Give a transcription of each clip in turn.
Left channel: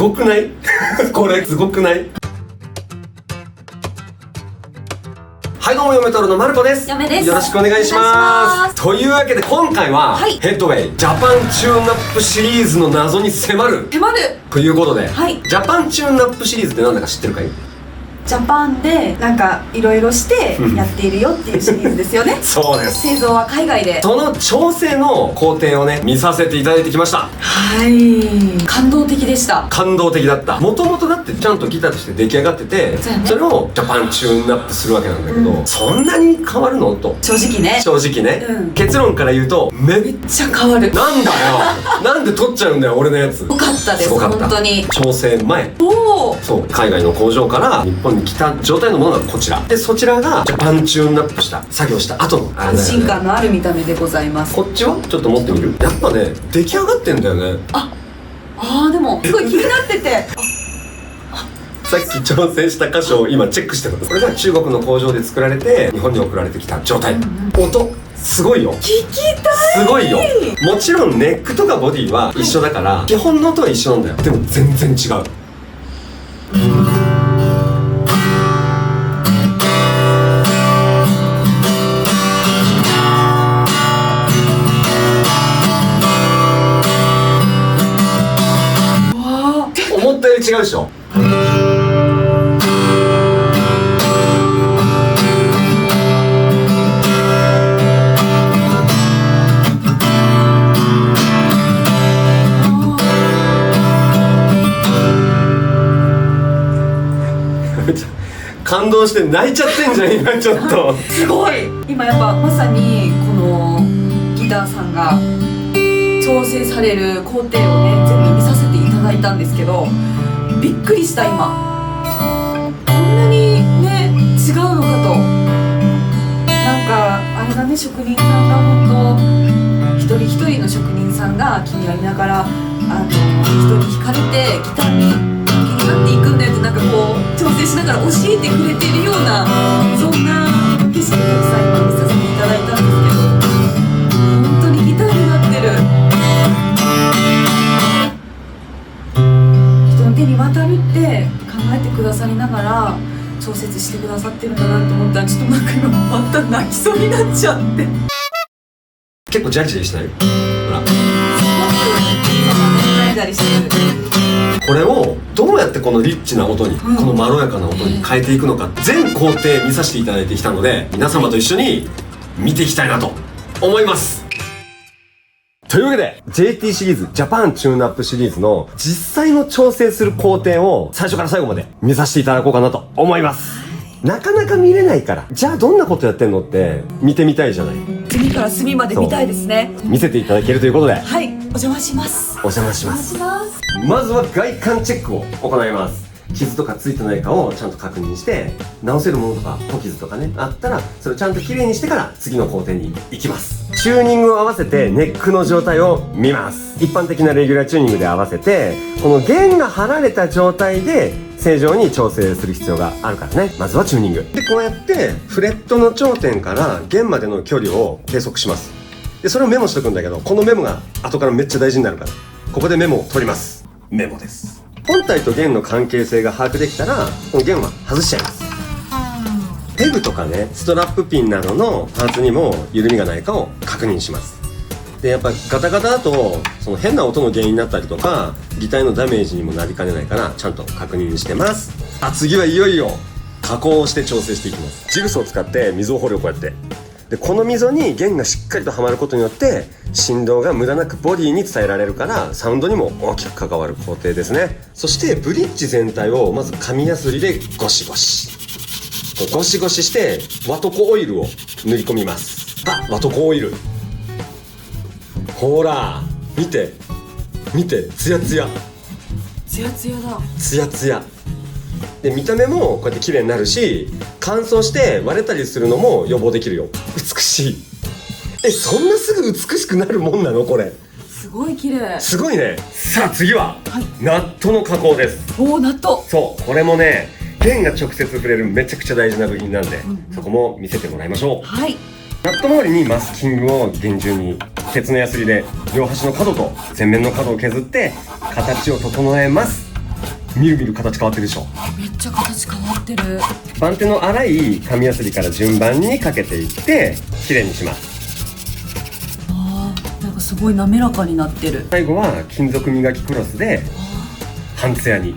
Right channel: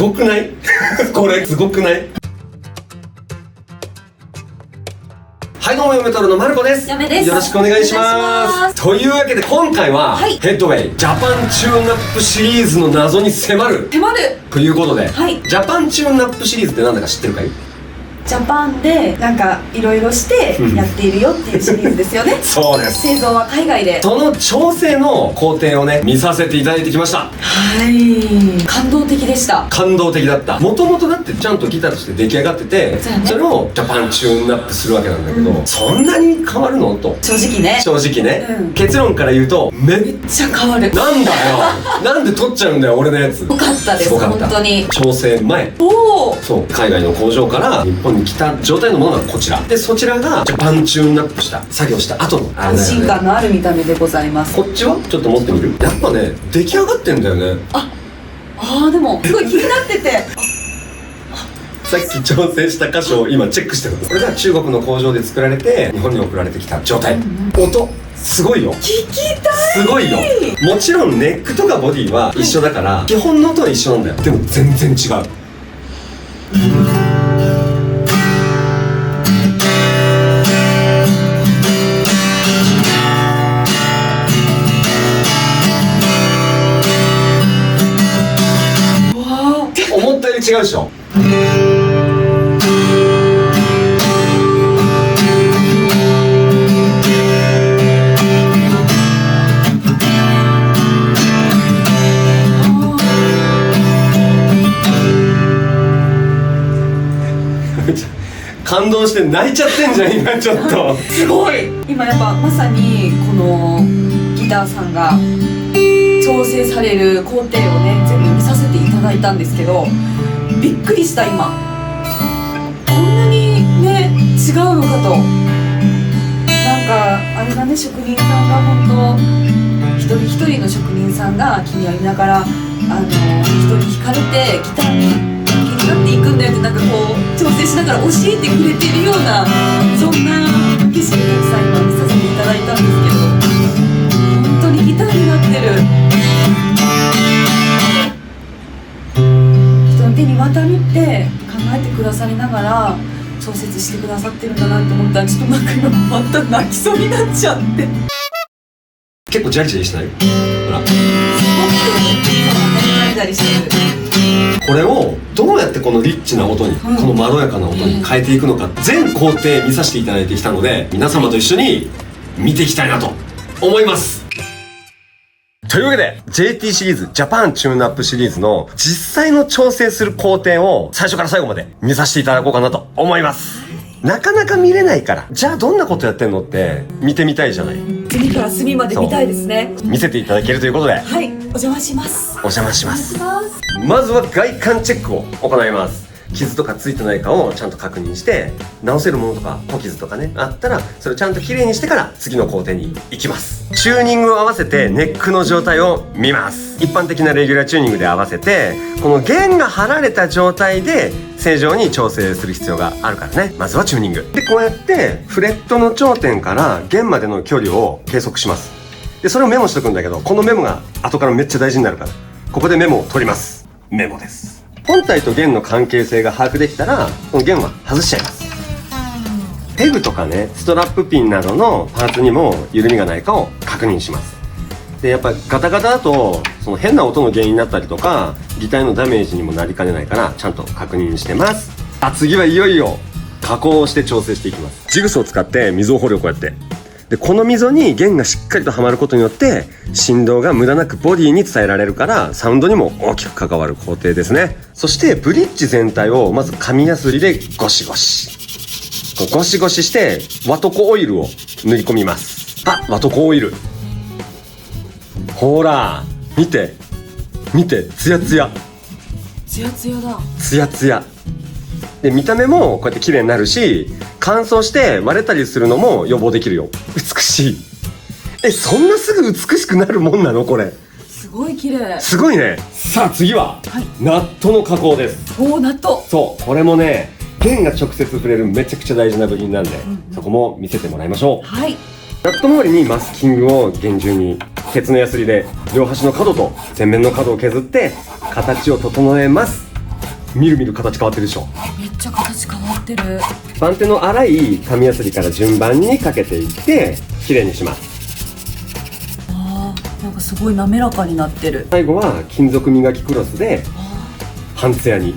ごくないこれすごくない？はい、どうも、嫁太郎のまる子です。嫁です。よろしくお願いします。というわけで今回は、はい、ヘッドウェイジャパンチューンナップシリーズの謎に迫るということで、はい、ジャパンチューンナップシリーズって何だか知ってるかい？ジャパンでなんかいろいろしてやっているよっていうシリーズですよね。そうです。製造は海外で。その調整の工程をね、見させていただいてきました。はい、感動的でした。感動的だった。もともとだってちゃんとギターとして出来上がってて、それをジャパンチューンナップするわけなんだけど、そんなに変わるのと正直ね、結論から言うとめっちゃ変わる。なんだよなんで取っちゃうんだよ俺のやつ。よかったです。本当に調整前、そう海外の工場から日本に来た状態のものがこちらで、そちらがジャパンチューンナップした作業した後の安心感のある見た目でございます。こっちはちょっと持ってみる？やっぱね、出来上がってんだよね。でもすごい気になっててさっき調整した箇所を今チェックしてる。これが中国の工場で作られて日本に送られてきた状態。音すごいよ。聞きたい。すごいよ。もちろんネックとかボディは一緒だから、基本の音は一緒なんだよ。でも全然違う。思ったより違うでしょ。感動して泣いちゃってんじゃん今ちょっとすごい。今やっぱまさにこのギターさんが調整される工程をね全部見させていただいたんですけど、びっくりした。今こんなにね違うのかと。なんかあれだね、職人さんが本当一人一人の職人さんが君は見ながら人に惹かれてギターに気になっていくんだよって、なんかこう調整しながら教えてくれてるような、そんな景色をたくさん今見させていただいたんですけど、本当にギターになってる。人の手に渡るって考えてくださりながら調節してくださってるんだなって思ったら、ちょっとなんか今また泣きそうになっちゃって。結構ジャリジャリしない？ほら、すごく今はねジャリジャリしてる。これをどうやってこのリッチな音に、このまろやかな音に変えていくのか、全工程見させていただいてきたので、皆様と一緒に見ていきたいなと思います。というわけで JT シリーズジャパンチューンアップシリーズの実際の調整する工程を最初から最後まで見させていただこうかなと思います。なかなか見れないから、じゃあどんなことやってんのって見てみたいじゃない。隅から隅まで見たいですね。見せていただけるということで、はい、お邪魔します。お邪魔します。まずは外観チェックを行います。傷とかついてないかをちゃんと確認して、直せるものとか小傷とかねあったらそれをちゃんときれいにしてから次の工程に行きます。チューニングを合わせてネックの状態を見ます。一般的なレギュラーチューニングで合わせて、この弦が張られた状態で正常に調整する必要があるからね。まずはチューニングで、こうやってフレットの頂点から弦までの距離を計測します。でそれをメモしとくんだけど、このメモが後からめっちゃ大事になるから、ここでメモを取ります。メモです。本体と弦の関係性が把握できたら、この弦は外しちゃいます。ペグとかね、ストラップピンなどのパーツにも緩みがないかを確認します。でやっぱガタガタだとその変な音の原因になったりとか、ギターのダメージにもなりかねないからちゃんと確認してます。次はいよいよ加工をして調整していきます。ジグソーを使って溝を掘るをこうやって、でこの溝に弦がしっかりとはまることによって振動が無駄なくボディに伝えられるから、サウンドにも大きく関わる工程ですね。そしてブリッジ全体をまず紙やすりでゴシゴシゴシゴシしてワトコオイルを塗り込みます。ワトコオイル、ほら見て見て、ツヤツヤツヤツヤだ。ツヤツヤで、見た目もこうやって綺麗になるし、乾燥して割れたりするのも予防できるよ。美しい。そんなすぐ美しくなるもんなのこれ。すごい綺麗。すごいね。さあ次は、ナットの加工です。ナット。そう、これもね弦が直接触れるめちゃくちゃ大事な部品なんで、そこも見せてもらいましょう。はい。ナット周りにマスキングを厳重に鉄のヤスリで両端の角と前面の角を削って形を整えます。みるみる形変わってるでしょ。めっちゃ形変わってる。番手の粗い紙やすりから順番にかけていってきれいにします。なんかすごい滑らかになってる。最後は金属磨きクロスで半ツヤに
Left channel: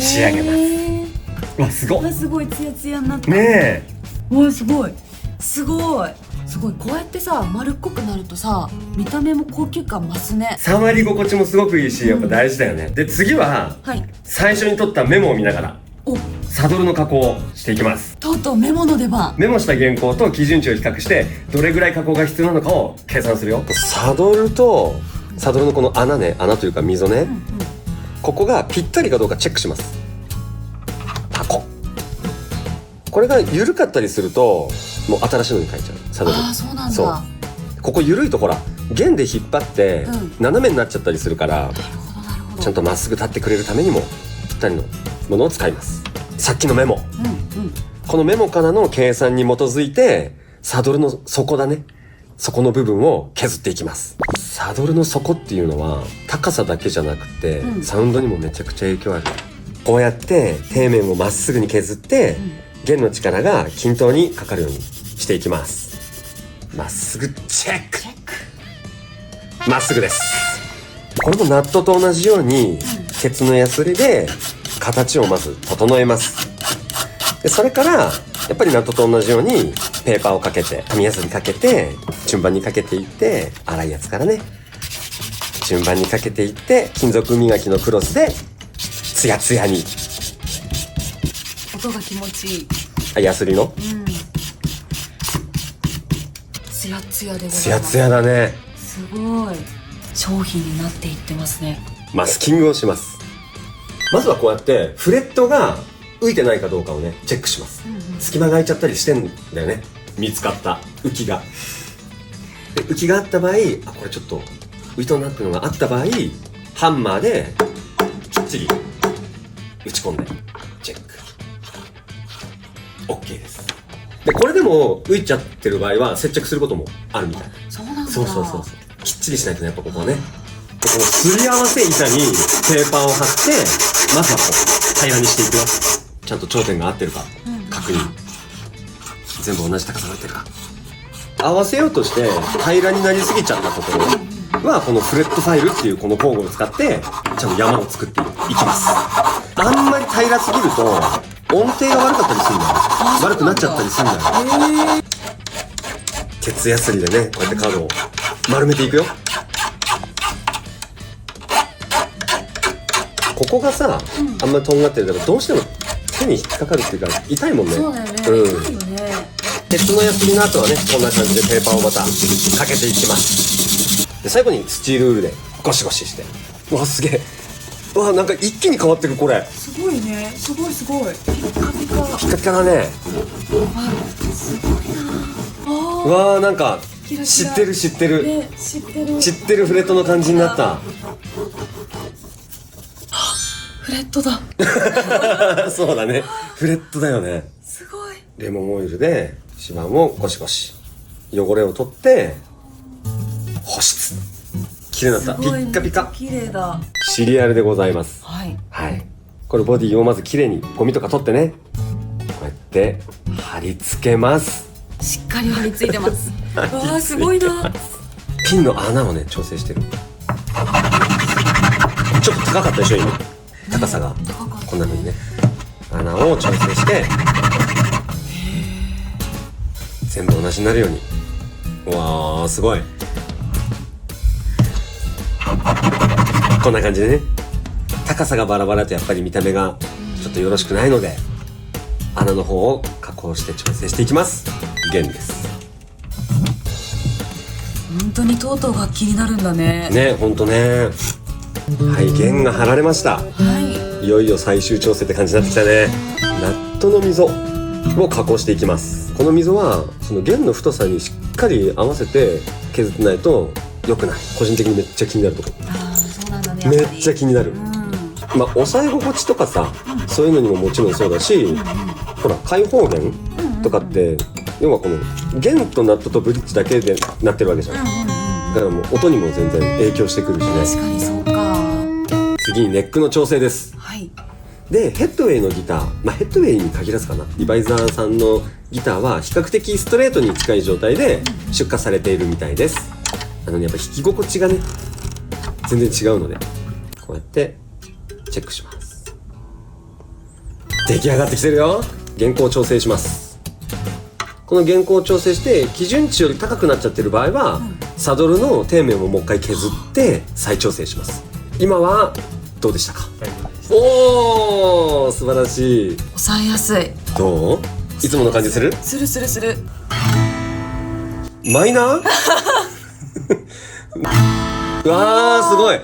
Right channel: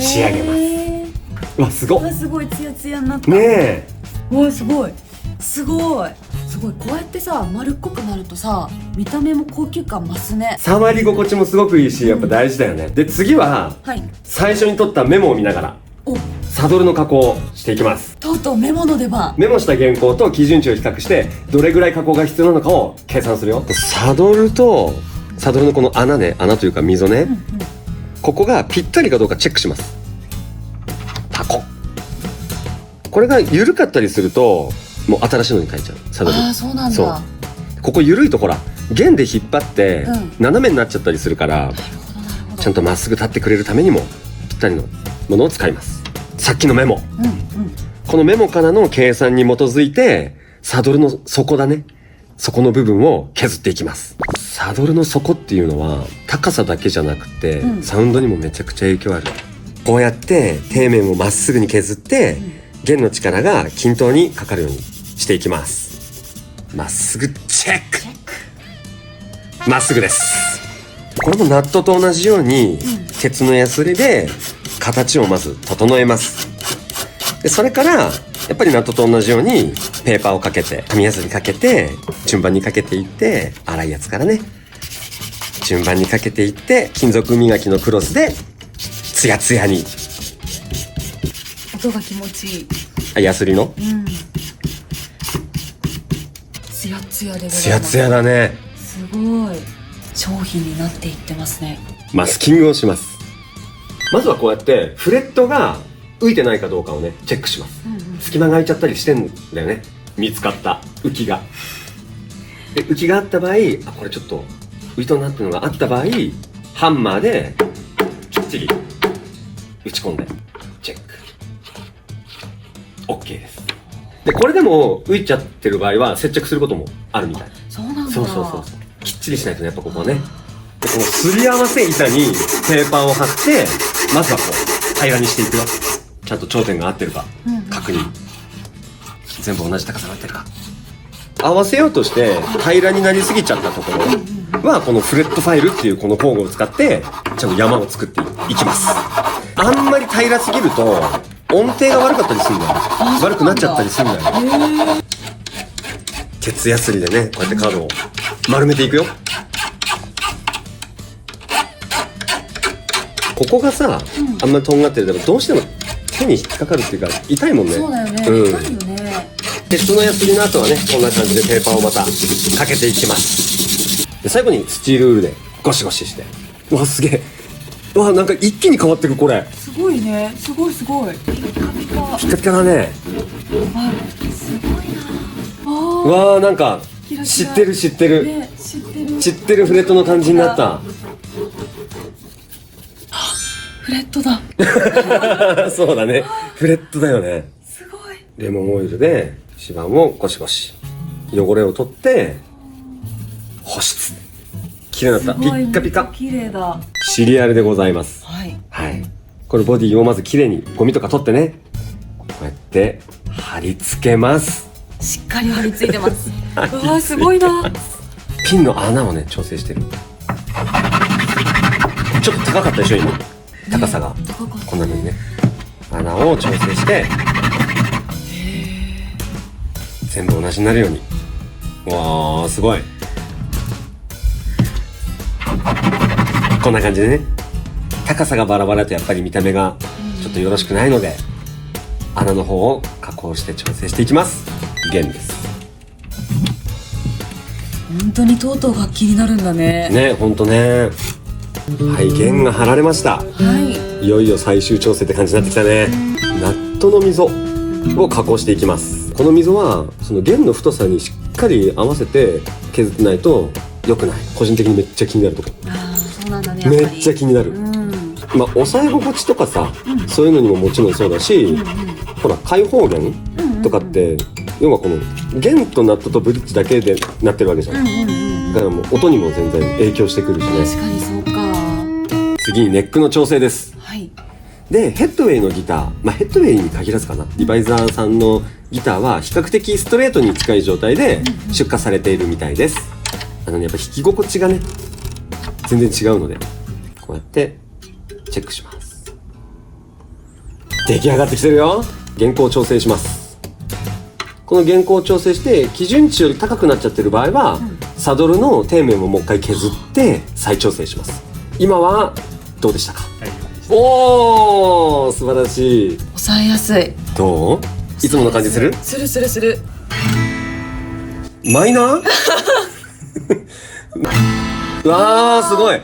仕上げます。わ、すごい。すごいツヤツヤになったねえ。わ、すごいすごいすごい。こうやってさ丸っこくなるとさ見た目も高級感増すね。触り心地もすごくいいし、やっぱ大事だよね。で次ははい最初に取ったメモを見ながらおサドルの加工をしていきます。とうとうメモの出番。メモした原稿と基準値を比較してどれぐらい加工が必要なのかを計算するよ。サドルとサドルのこの穴ね、穴というか溝ね、ここがぴったりかどうかチェックします。箱これが緩かったりするともう新しいのに変えちゃう。サドルそうなんだ。ここ緩いとほら弦で引っ張ってうん斜めになっちゃったりするから、なるほどちゃんとまっすぐ立ってくれるためにもぴったりのものを使います。さっきのメモ、このメモからの計算に基づいてサドルの底だね、底の部分を削っていきます。サドルの底っていうのは高さだけじゃなくて、サウンドにもめちゃくちゃ影響ある。こうやって底面をまっすぐに削って、弦の力が均等にかかるようにしていきます。まっすぐチェック。まっすぐです。これもナットと同じように、鉄のヤスリで形をまず整えます。でそれからやっぱりナットと同じようにペーパーをかけて紙やすりかけて順番にかけていって、粗いやつからね順番にかけていって金属磨きのクロスでツヤツヤに。音が気持ちいい。ヤスリのツヤツヤでございます。ツヤツヤだね。すごい商品になっていってますね。マスキングをします。まずはこうやってフレットが浮いてないかどうかをねチェックします。隙間が空いちゃったりしてんだよね、見つかった浮きが。で浮きがあった場合、これちょっと浮いとんなっていうのがあった場合、ハンマーできっちり打ち込んでチェック OK です。でこれでも浮いちゃってる場合は接着することもあるみたい。そうなんだ。そうきっちりしないとね、やっぱここはね。このすり合わせ板にペーパーを貼ってまずはこう平らにしていくよ。ちゃんと頂点が合ってるか確認、全部同じ高さになってるか。合わせようとして平らになりすぎちゃったところはこのフレットファイルっていうこの工具を使ってちゃんと山を作っていきます。あんまり平らすぎると音程が悪かったりするんだよ。悪くなっちゃったりするんだよ。鉄やすりでねこうやってカードを丸めていくよ。ここがさ、あんまりとんがってるからどうしても手に引っかかるっていうか痛いもんね。そうだよね、痛いよね。鉄のやすりの後はねこんな感じでペーパーをまたかけていきます。で最後にスチールウールでゴシゴシして、うわすげえ、うわなんか一気に変わってる。これすごいね、すごいピカピカピカピカだね。すごいな。うわーなんか知ってるね、知ってるフレットの感じになった。フレットだそうだね、フレットだよね。すごい。レモンオイルで指板をゴシゴシ汚れを取って保湿。綺麗になった。ピッカピカ。綺麗だ。シリアルでございます。はい。これボディをまず綺麗にゴミとか取ってね、こうやって貼り付けます。しっかり貼り付いてますうわすごいな。ピンの穴をね調整してる。ちょっと高かったでしょ今、高さがこんな風にね穴を調整して全部同じになるように。わーすごい。こんな感じでね、高さがバラバラだとやっぱり見た目がちょっとよろしくないので穴の方を加工して調整していきます。弦です。本当にとうとう楽器になるんだね。ね、ほんとね。はい、弦が張られました。はい。いよいよ最終調整って感じになってきたね。ナットの溝を加工していきます。この溝はその弦の太さにしっかり合わせて削ってないと良くない。個人的にめっちゃ気になること。そうなんだね。めっちゃ気になる。まあ押さえ心地とかさ、そういうのにももちろんそうだし、ほら開放弦とかって、要はこの弦とナットとブリッジだけでなってるわけじゃん。だからもう音にも全然影響してくるしね。確かにそうか。次にネックの調整です。はい。で、ヘッドウェイのギター、ヘッドウェイに限らずかな。リバイザーさんのギターは比較的ストレートに近い状態で出荷されているみたいです。やっぱ弾き心地がね、全然違うので、こうやってチェックします。出来上がってきてるよ。原稿を調整します。この原稿を調整して基準値より高くなっちゃってる場合は、サドルの底面をもう一回削って再調整します。今はどうでしたか？おー、素晴らしい。抑えやすい。どう？いつもの感じする？する。マイナー？うわー、すごい。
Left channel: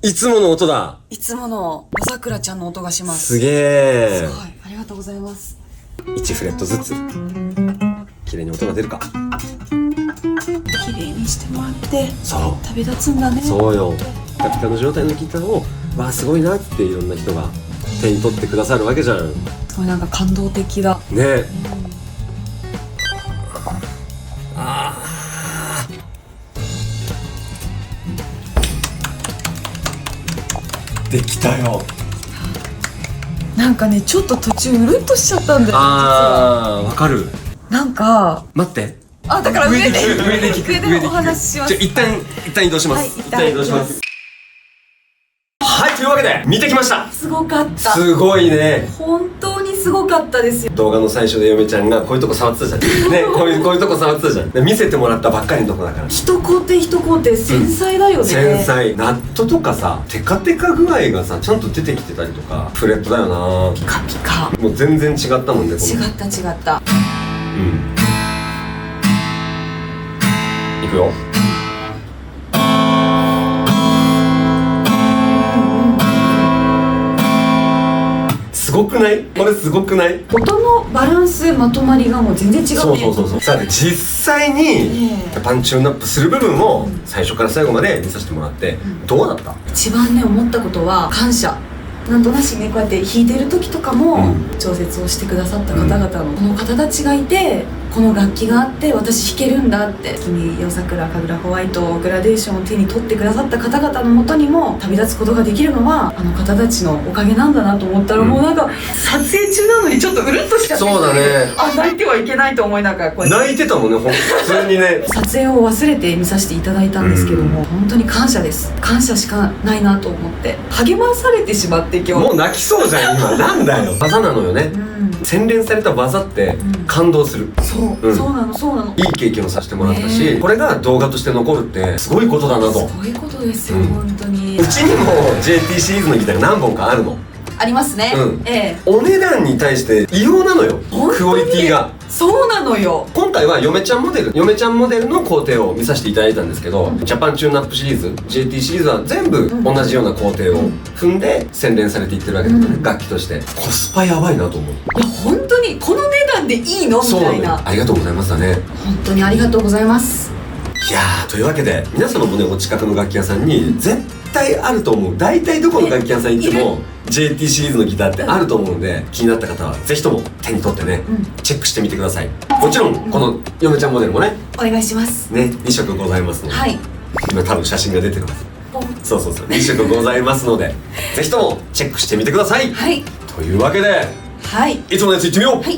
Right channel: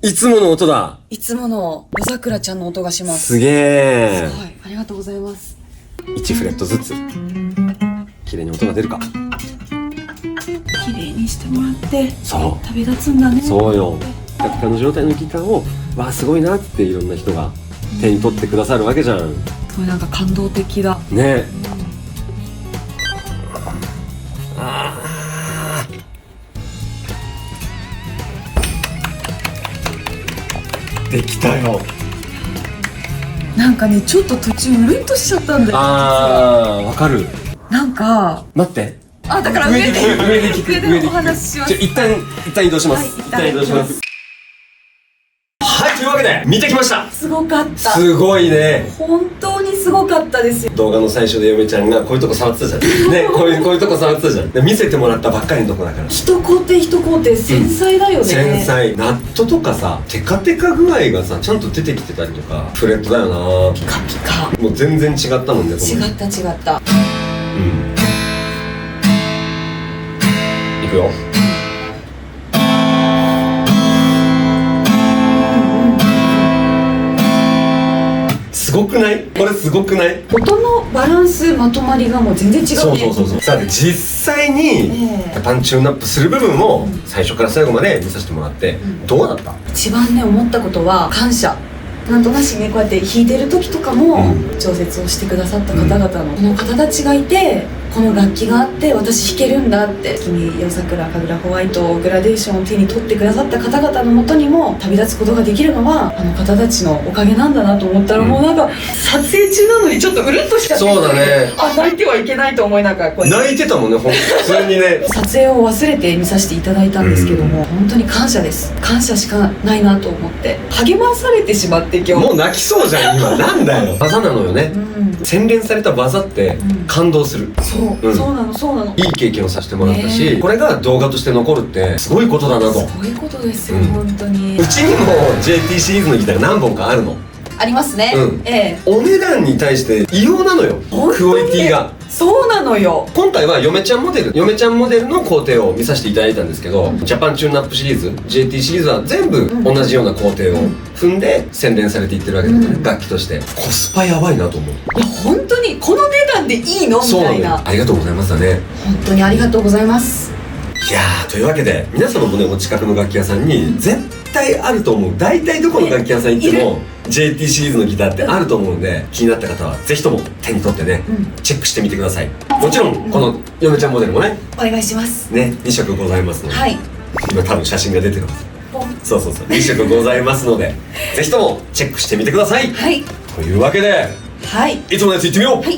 いつもの音だ。いつもの夜桜ちゃんの音がします。すげー。すごい。ありがとうございます。1フレットずつ綺麗に音が出るか。綺麗にしてもらってそう旅立つんだね。そうよ。ピカピカの状態のギターをわあすごいなっていろんな人が手に取ってくださるわけじゃん。そう、なんか感動的だね。できたよ。なんかね、ちょっと途中うるっとしちゃったんだよ。わかる。なんか待って、だから上で聞く。上でお話しします。一旦移動します。一旦移動します。はい、というわけで見てきました。すごかった。すごいね。本当にすごかったですよ。動画の最初で嫁ちゃんがこういうとこ触ってたじゃんね、こういうとこ触ってたじゃん。で見せてもらったばっかりのとこだから、一工程一工程繊細だよね。繊細。ナットとかさ、テカテカ具合がさちゃんと出てきてたりとか、フレットだよな。ピカピカ。もう全然違ったもんね。この違った。いくよ。すごくない？これすごくない？音のバランス、まとまりがもう全然違うね。そう。さあ実際にパンチューンアップする部分を最初から最後まで見させてもらって、どうだった？一番ね、思ったことは感謝。なんとなしね、こうやって弾いてる時とかも調節をしてくださった方々のこの方たちがいて、この楽器があって私弾けるんだって、君、夜桜、神楽ホワイト、グラデーションを手に取ってくださった方々のもとにも旅立つことができるのはあの方たちのおかげなんだなと思ったら、もうなんか撮影中なのにちょっとうるっとしちゃって。そうだね。泣いてはいけないと思いながらこうやって泣いてたもんね、普通にね。撮影を忘れて見させていただいたんですけども、本当に感謝です。感謝しかないなと思って励まされてしまって、今日もう泣きそうじゃん今。なんだよ。技なのよね。洗練された技って感動する。そうなの。いい経験をさせてもらったし、これが動画として残るってすごいことだなと。すごいことですよ、本当に。うちにも JT シリーズのギターが何本かあるの。ありますね。お値段に対して異様なのよ、クオリティが。そうなのよ。今回は嫁ちゃんモデルの工程を見させていただいたんですけど、ジャパンチューンアップシリーズ JT シリーズは全部同じような工程を踏んで洗練されていってるわけだね、楽器として。コスパやばいなと思う。いや本当にこの値段でいいのみたいな。ありがとうございますだね。本当にありがとうございます。いやー、というわけで皆様もね、お近くの楽器屋さんに絶対あると思う。大体どこの楽器屋さん行っても JT シリーズのギターってあると思うんで、気になった方はぜひとも手に取ってね、チェックしてみてください。もちろんこの嫁ちゃんモデルもね、お願いしますね。2色ございますので、今多分写真が出てます。そう2色ございますのでぜひともチェックしてみてください。というわけで、いつものやついってみよう。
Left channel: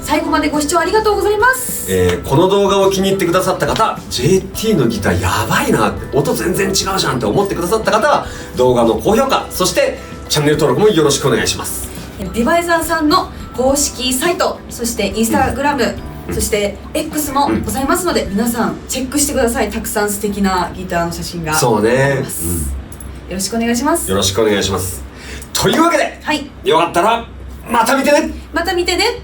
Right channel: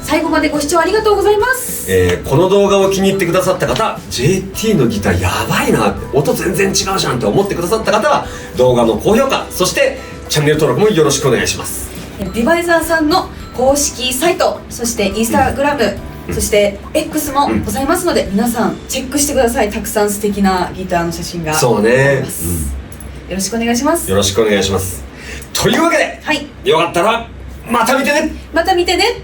最後までご視聴ありがとうございます。この動画を気に入ってくださった方、 JT のギターやばいなって、音全然違うじゃんって思ってくださった方は動画の高評価、そしてチャンネル登録もよろしくお願いします。リバイザーさんの公式サイト、そしてインスタグラム、そして X もございますので、皆さんチェックしてください。たくさん素敵なギターの写真があります。よろしくお願いします。よろしくお願いします。というわけで、よかったらまた見てね。